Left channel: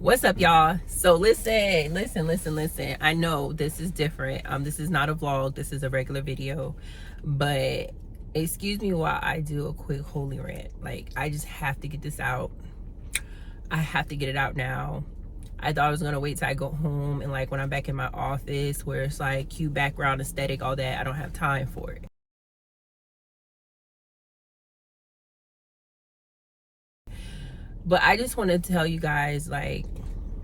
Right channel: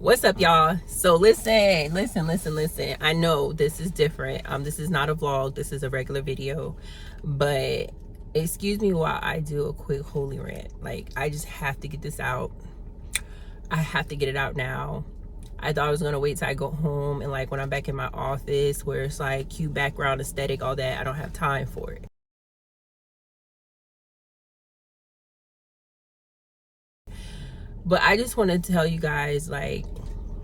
What's up, y'all? So listen. I know this is different. This is not a vlog. This is a regular video. But excuse me while I do a quick holy rant. Like, I just have to get this out. I have to get it out now. I thought I was gonna wait till I go home and like when I'm back in my office where it's like cute background aesthetic, all that. I don't have time for it. But I just want to tell you guys, like,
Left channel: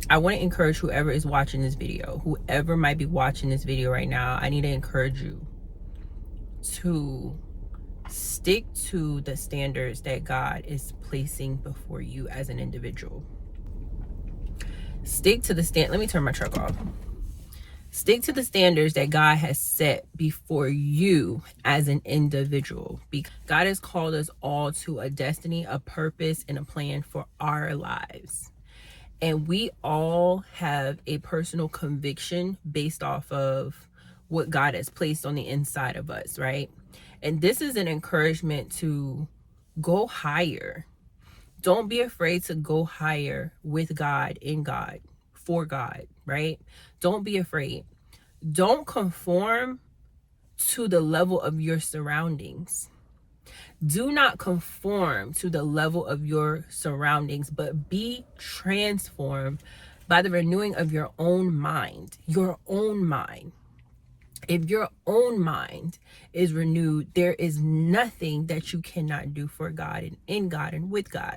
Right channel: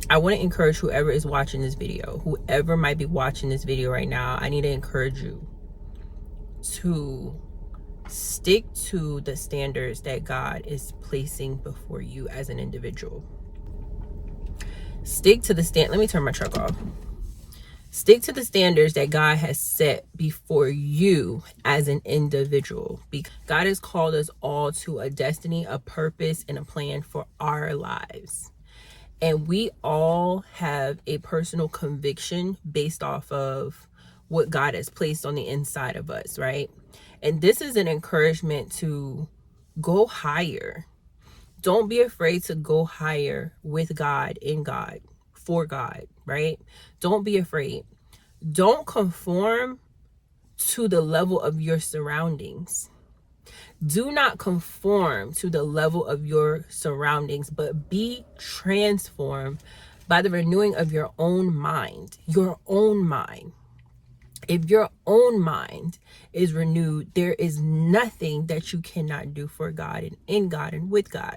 I want to encourage whoever is watching this video, whoever might be watching this video right now, I need to encourage you to stick to the standards that God is placing before you as an individual. Stick to the let me turn my truck off. Stick to the standards that God has set before you as an individual. Because God has called us all to a destiny, a purpose, and a plan for our lives. And we all have a personal conviction based off of what God has placed on the inside of us, right? And this is an encouragement to go higher. Don't be afraid to go higher with God, in God, for God, right? Don't be afraid. Don't conform to the level of your surroundings. Do not conform to the level of your surroundings, but be transformed by the renewing of your own mind. Your own mind. If your own mind is renewed, there is nothing that you cannot do for God and in God and with God.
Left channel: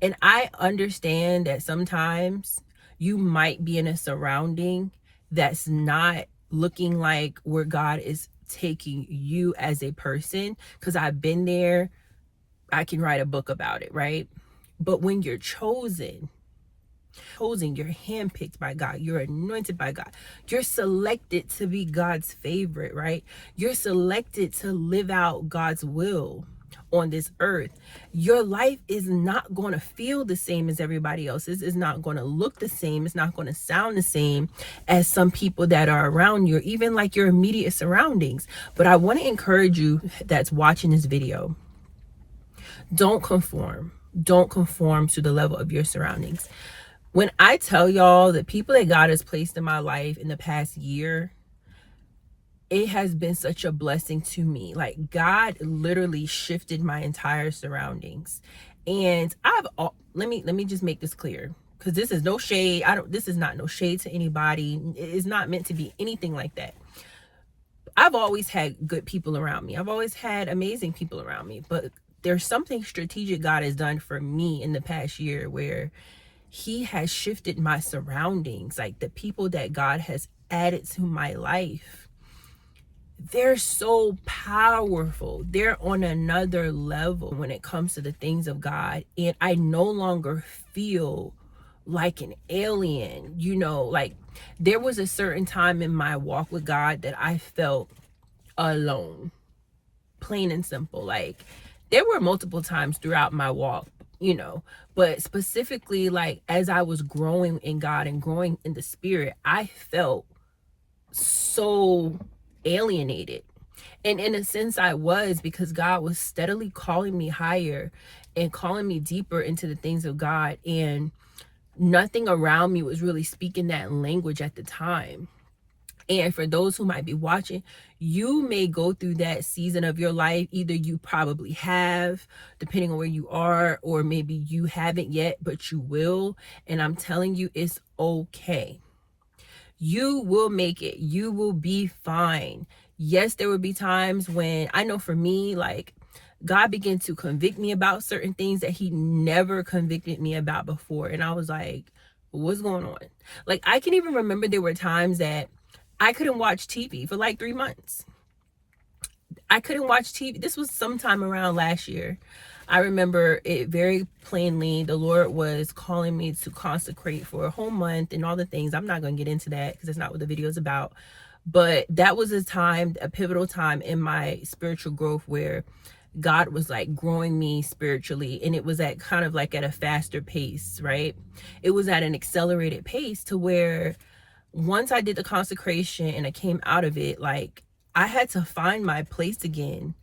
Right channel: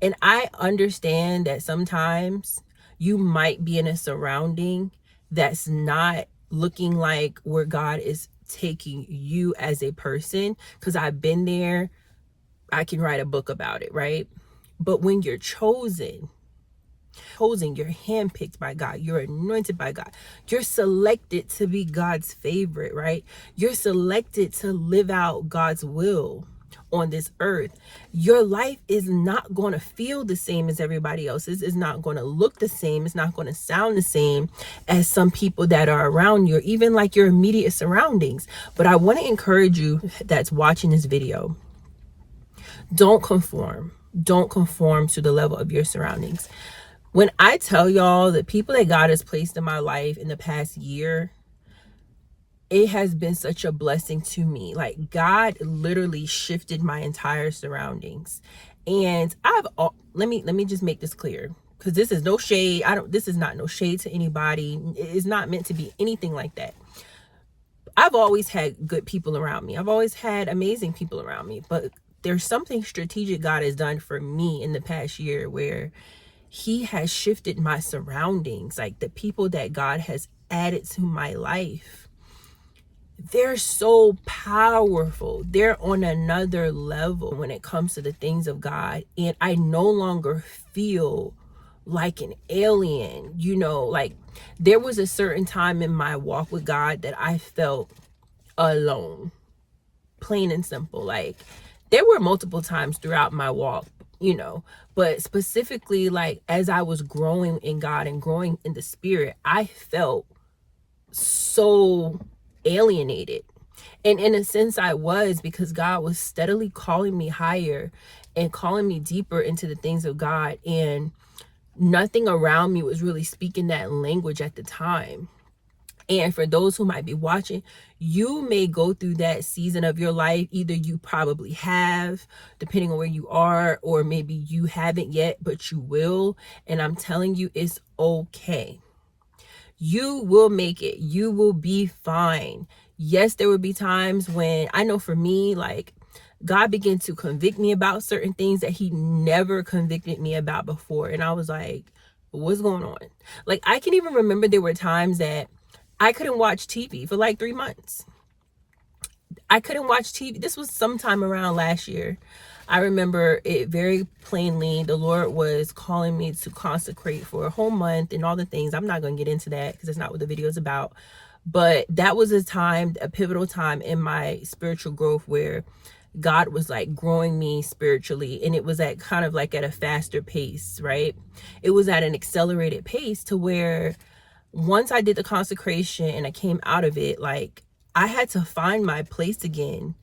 And I understand that sometimes you might be in a surrounding that's not looking like where God is taking you as a person, because I've been there. I can write a book about it, right? But when you're chosen, you're handpicked by God, you're anointed by God, you're selected to be God's favorite, right? You're selected to live out God's will on this earth. Your life is not going to feel the same as everybody else's. It's not going to look the same. It's not going to sound the same as some people that are around you, or even like your immediate surroundings. But I want to encourage you that's watching this video, don't conform. Don't conform to the level of your surroundings. When I tell y'all the people that God has placed in my life in the past year, it has been such a blessing to me. Like, God literally shifted my entire surroundings. And let me just make this clear, because this is no shade. This is not no shade to anybody. It's not meant to be anything like that. I've always had good people around me. I've always had amazing people around me. But there's something strategic God has done for me in the past year where He has shifted my surroundings. Like, the people that God has added to my life, they're so powerful. They're on another level when it comes to the things of God. And I no longer feel like an alien, like there was a certain time in my walk with God that I felt alone, plain and simple. Like, there were multiple times throughout my walk, but specifically, like, as I was growing in God and growing in the Spirit, I felt so alienated. And in a sense I was, because God was steadily calling me higher and calling me deeper into the things of God, and nothing around me was really speaking that language at the time. And for those who might be watching, you may go through that season of your life. Either you probably have, depending on where you are, or maybe you haven't yet, but you will. And I'm telling you, it's okay. You will make it. You will be fine. Yes, there will be times when, I know for me, like, God began to convict me about certain things that He never convicted me about before. And I was like, what's going on? Like, I can even remember there were times that I couldn't watch TV for like 3 months. I couldn't watch TV. This was sometime around last year. I remember it very plainly. The Lord was calling me to consecrate for a whole month and all the things. I'm not going to get into that because that's not what the video is about. But that was a pivotal time in my spiritual growth where God was like growing me spiritually. And it was at kind of like at a faster pace, right? It was at an accelerated pace to where once I did the consecration and I came out of it, like, I had to find my place again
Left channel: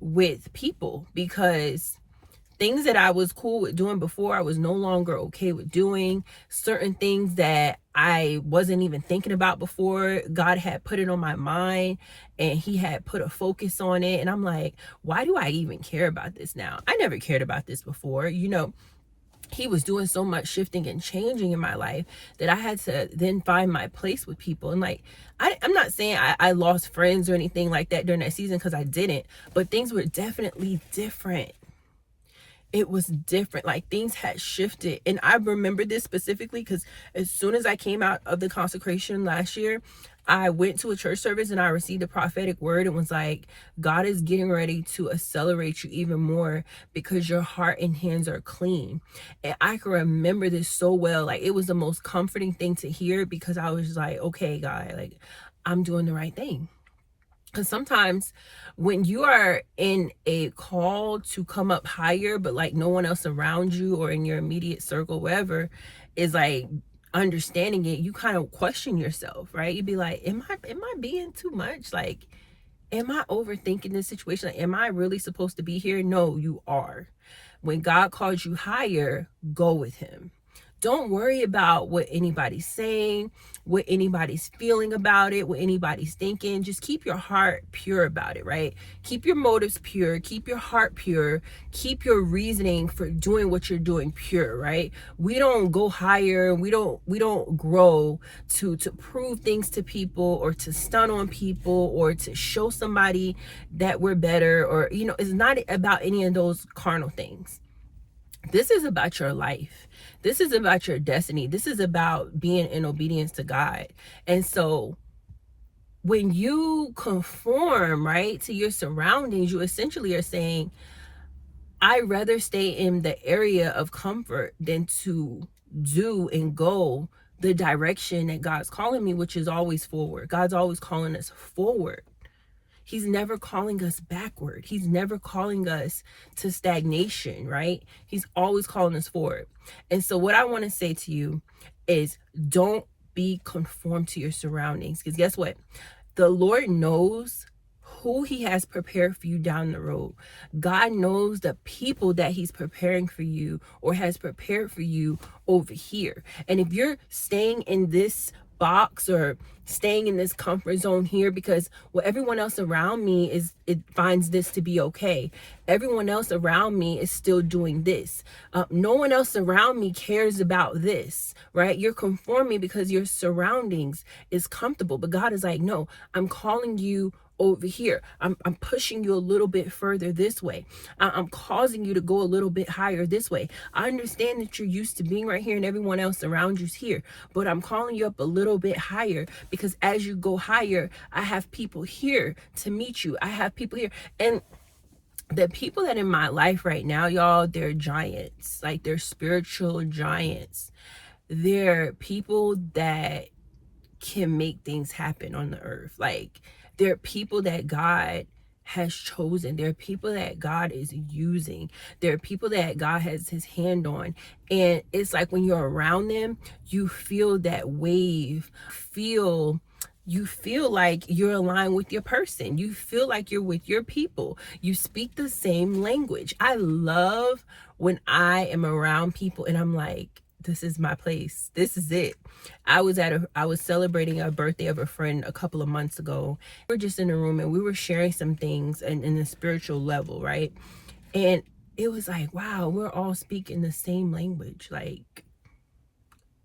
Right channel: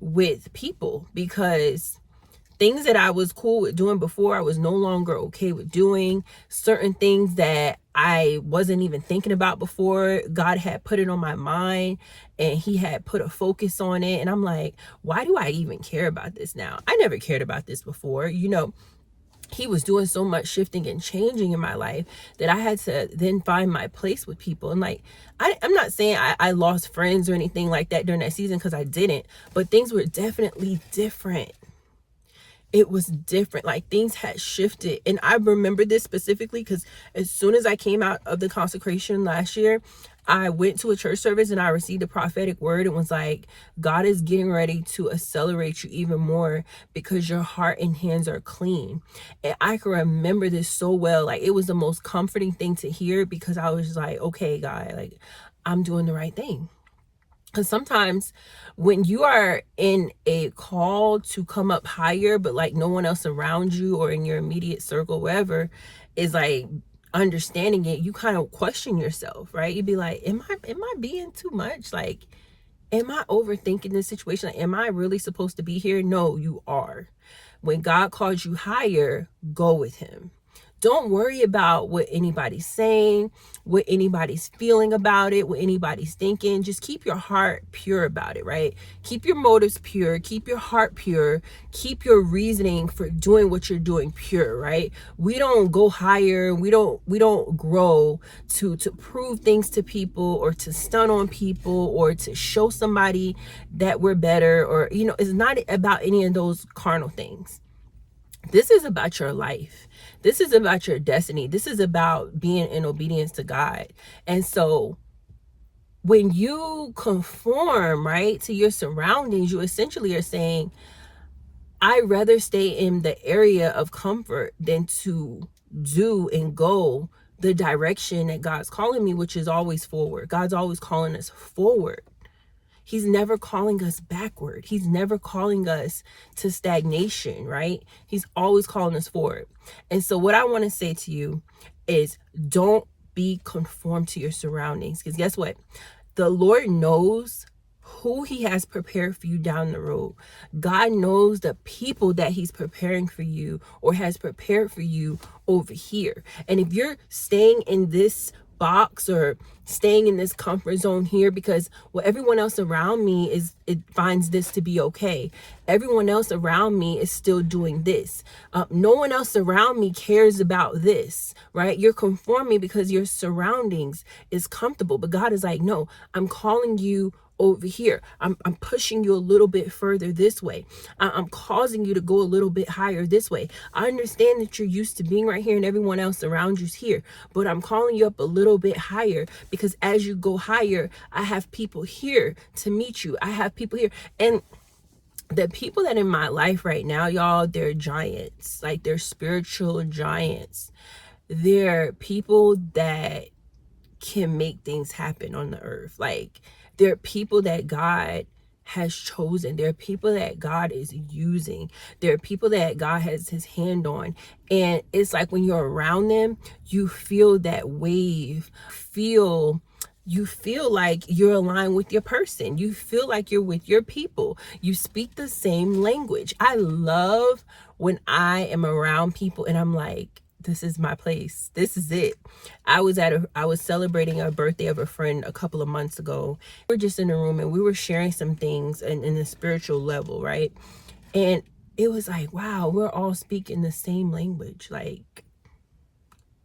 with people, because Things that I was cool with doing before, I was no longer okay with doing. Certain things that I wasn't even thinking about before, God had put it on my mind and he had put a focus on it. And I'm like, why do I even care about this now? I never cared about this before. He was doing so much shifting and changing in my life that I had to then find my place with people. And like, I'm not saying I lost friends or anything like that during that season, because I didn't, but things were definitely different. It was different. Like, things had shifted. And I remember this specifically because as soon as I came out of the consecration last year, I went to a church service and I received a prophetic word and was like, God is getting ready to accelerate you even more because your heart and hands are clean. And I can remember this so well. Like, it was the most comforting thing to hear, because I was like, okay, God, like, I'm doing the right thing. Because sometimes when you are in a call to come up higher, but like no one else around you or in your immediate circle, wherever, is like understanding it, you kind of question yourself, right? You'd be like, am I being too much? Like, am I overthinking this situation? Like, am I really supposed to be here? No, you are. When God calls you higher, go with him. Don't worry about what anybody's saying, what anybody's feeling about it, what anybody's thinking. Just keep your heart pure about it, right? Keep your motives pure, keep your heart pure, keep your reasoning for doing what you're doing pure, right? We don't go higher, we don't grow to prove things to people or to stun on people or to show somebody that we're better, or it's not about any of those carnal things. This is about your life. This is about your destiny. This is about being in obedience to God. And so when you conform, right, to your surroundings, you essentially are saying, I'd rather stay in the area of comfort than to do and go the direction that God's calling me, which is always forward. God's always calling us forward. He's never calling us backward. He's never calling us to stagnation, right? He's always calling us forward. And so what I want to say to you is, don't be conformed to your surroundings. Because guess what? The Lord knows who he has prepared for you down the road. God knows the people that he's preparing for you or has prepared for you over here. And if you're staying in this box or staying in this comfort zone here because, well, everyone else around me it finds this to be okay, everyone else around me is still doing this, no one else around me cares about this, right? You're conforming because your surroundings is comfortable, but God is like, no, I'm calling you over here. I'm pushing you a little bit further this way. I'm causing you to go a little bit higher this way. I understand that you're used to being right here and everyone else around you's here, but I'm calling you up a little bit higher because as you go higher, I have people here to meet you. I have people here. And the people that in my life right now, y'all, they're giants. Like, they're spiritual giants. They're people that can make things happen on the earth. Like, there are people that God has chosen. There are people that God is using. There are people that God has his hand on. And it's like when you're around them, you feel that wave. You feel like you're aligned with your person. You feel like you're with your people. You speak the same language. I love when I am around people and I'm like, this is my place. This is it. I was celebrating a birthday of a friend a couple of months ago. We were just in a room and we were sharing some things in the spiritual level, right? And it was like, wow, we're all speaking the same language. Like,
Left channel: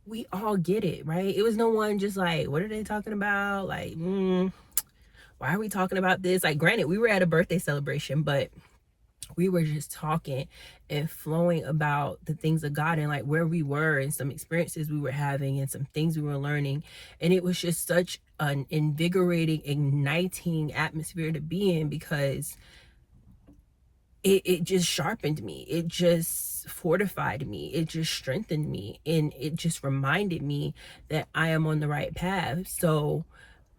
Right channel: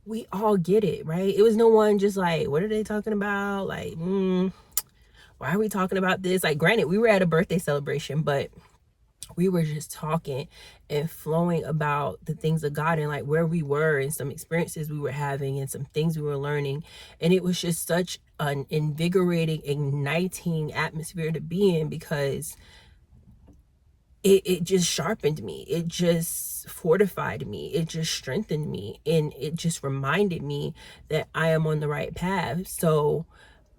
we all get it, right? It was no one just like, what are they talking about? Like, why are we talking about this? Like, granted, we were at a birthday celebration, but we were just talking and flowing about the things of God and like where we were and some experiences we were having and some things we were learning. And it was just such an invigorating, igniting atmosphere to be in because it just sharpened me. It just fortified me. It just strengthened me. And it just reminded me that I am on the right path. So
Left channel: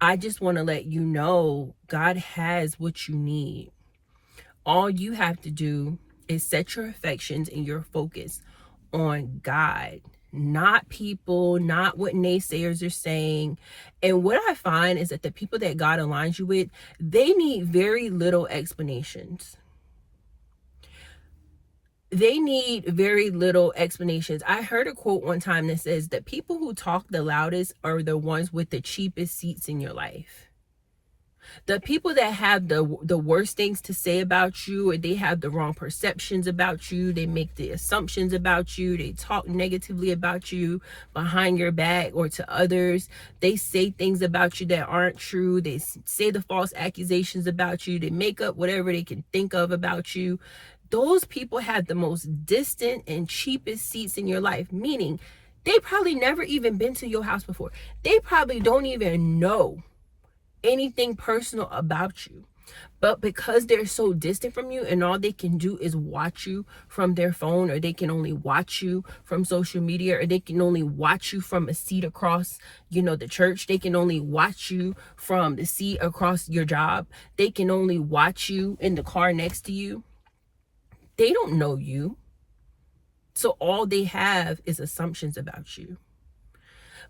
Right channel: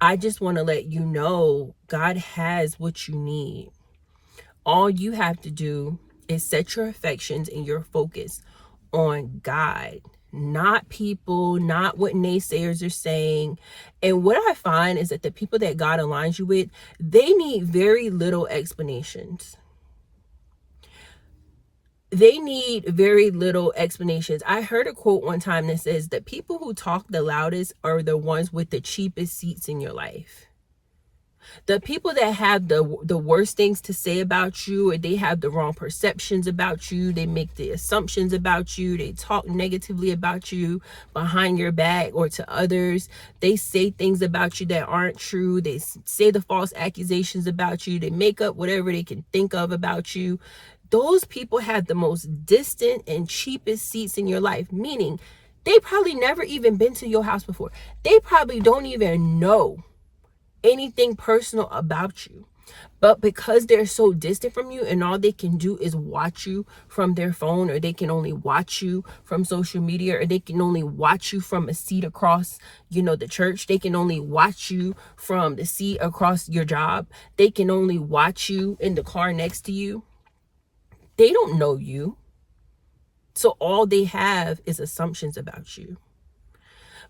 I just want to let you know, God has what you need. All you have to do is set your affections and your focus on God, not people, not what naysayers are saying. And what I find is that the people that God aligns you with, they need very little explanations. they need very little explanations. I heard a quote one time that says that people who talk the loudest are the ones with the cheapest seats in your life. The people that have the worst things to say about you, or they have the wrong perceptions about you, they make the assumptions about you, they talk negatively about you behind your back or to others, they say things about you that aren't true, they say the false accusations about you, they make up whatever they can think of about you. Those people have the most distant and cheapest seats in your life, meaning they probably never even been to your house before. They probably don't even know anything personal about you. But because they're so distant from you and all they can do is watch you from their phone, or they can only watch you from social media, or they can only watch you from a seat across, the church. They can only watch you from the seat across your job. They can only watch you in the car next to you. They don't know you. So all they have is assumptions about you.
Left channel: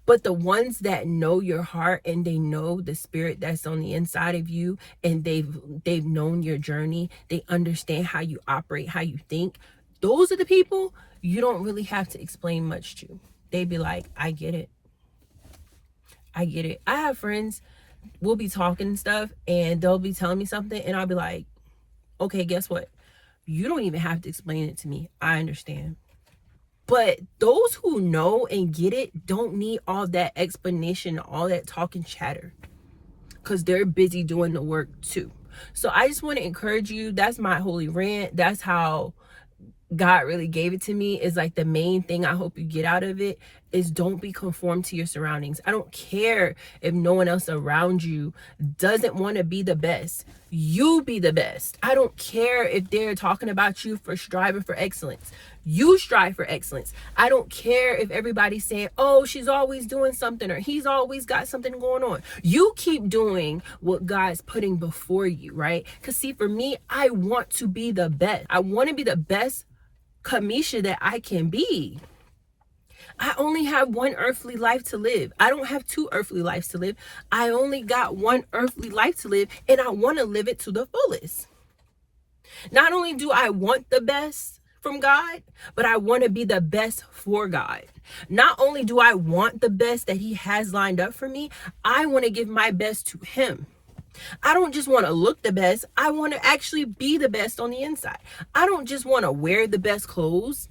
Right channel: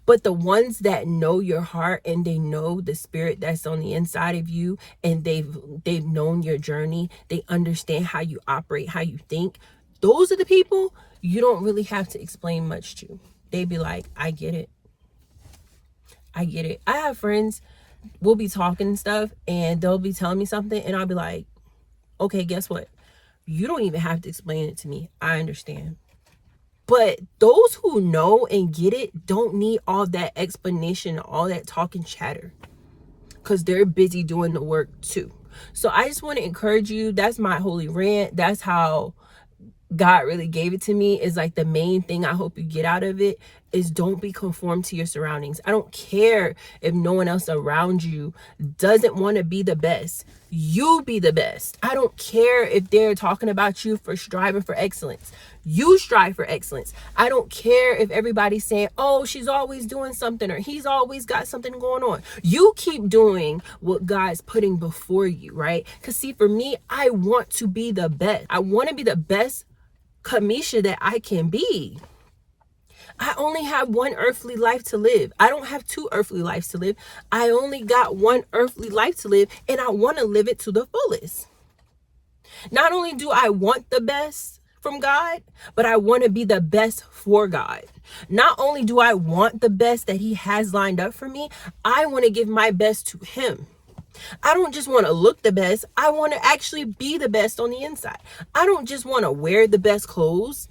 But the ones that know your heart and they know the spirit that's on the inside of you, and they've known your journey, they understand how you operate, how you think, those are the people you don't really have to explain much to. They be like, I get it. I get it. I have friends, we'll be talking and stuff, and they'll be telling me something, and I'll be like, okay, guess what? You don't even have to explain it to me. I understand. But those who know and get it don't need all that explanation, all that talk and chatter, because they're busy doing the work too. So I just want to encourage you. That's my holy rant. That's how God really gave it to me. Is like the main thing I hope you get out of it is don't be conformed to your surroundings. I don't care if no one else around you doesn't want to be the best. You be the best. I don't care if they're talking about you for striving for excellence. You strive for excellence. I don't care if everybody's saying, oh, she's always doing something, or he's always got something going on. You keep doing what God's putting before you, right? Because see, for me, I want to be the best. I want to be the best Kamisha that I can be. I only have one earthly life to live. I don't have two earthly lives to live. I only got one earthly life to live, and I want to live it to the fullest. Not only do I want the best from God, but I want to be the best for God. Not only do I want the best that he has lined up for me, I want to give my best to him. I don't just want to look the best. I want to actually be the best on the inside. I don't just want to wear the best clothes.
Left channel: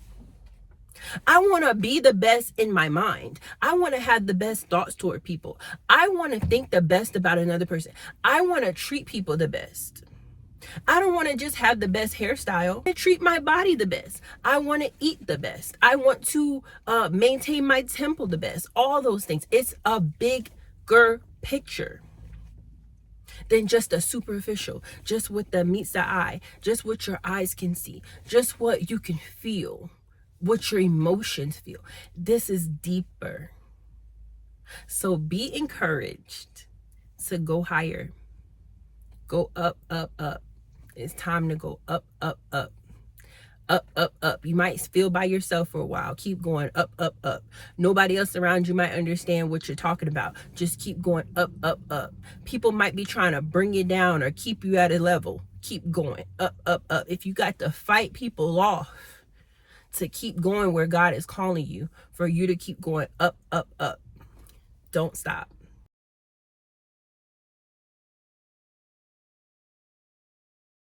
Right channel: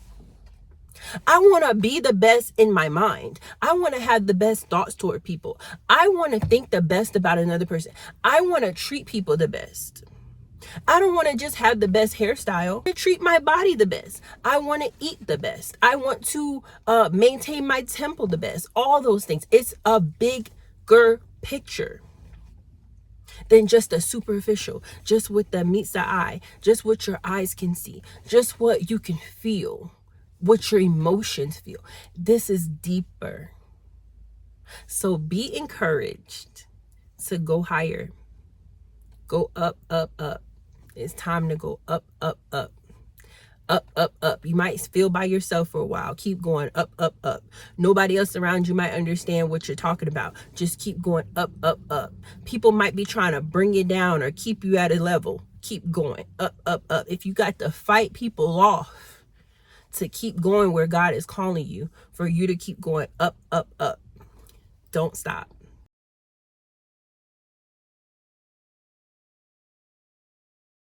I want to be the best in my mind. I want to have the best thoughts toward people. I want to think the best about another person. I want to treat people the best. I don't want to just have the best hairstyle. I treat my body the best. I want to eat the best. I want to maintain my temple the best. All those things. It's a bigger picture than just a superficial, just what that meets the eye, just what your eyes can see, just what you can feel, what your emotions feel. This is deeper. So be encouraged to go higher. Go up, up, up. It's time to go up, up, up. Up, up, up. You might feel by yourself for a while. Keep going up, up, up. Nobody else around you might understand what you're talking about. Just keep going up, up, up. People might be trying to bring you down or keep you at a level. Keep going up, up, up. If you got to fight people off to keep going where God is calling you, for you to keep going up, up, up, don't stop.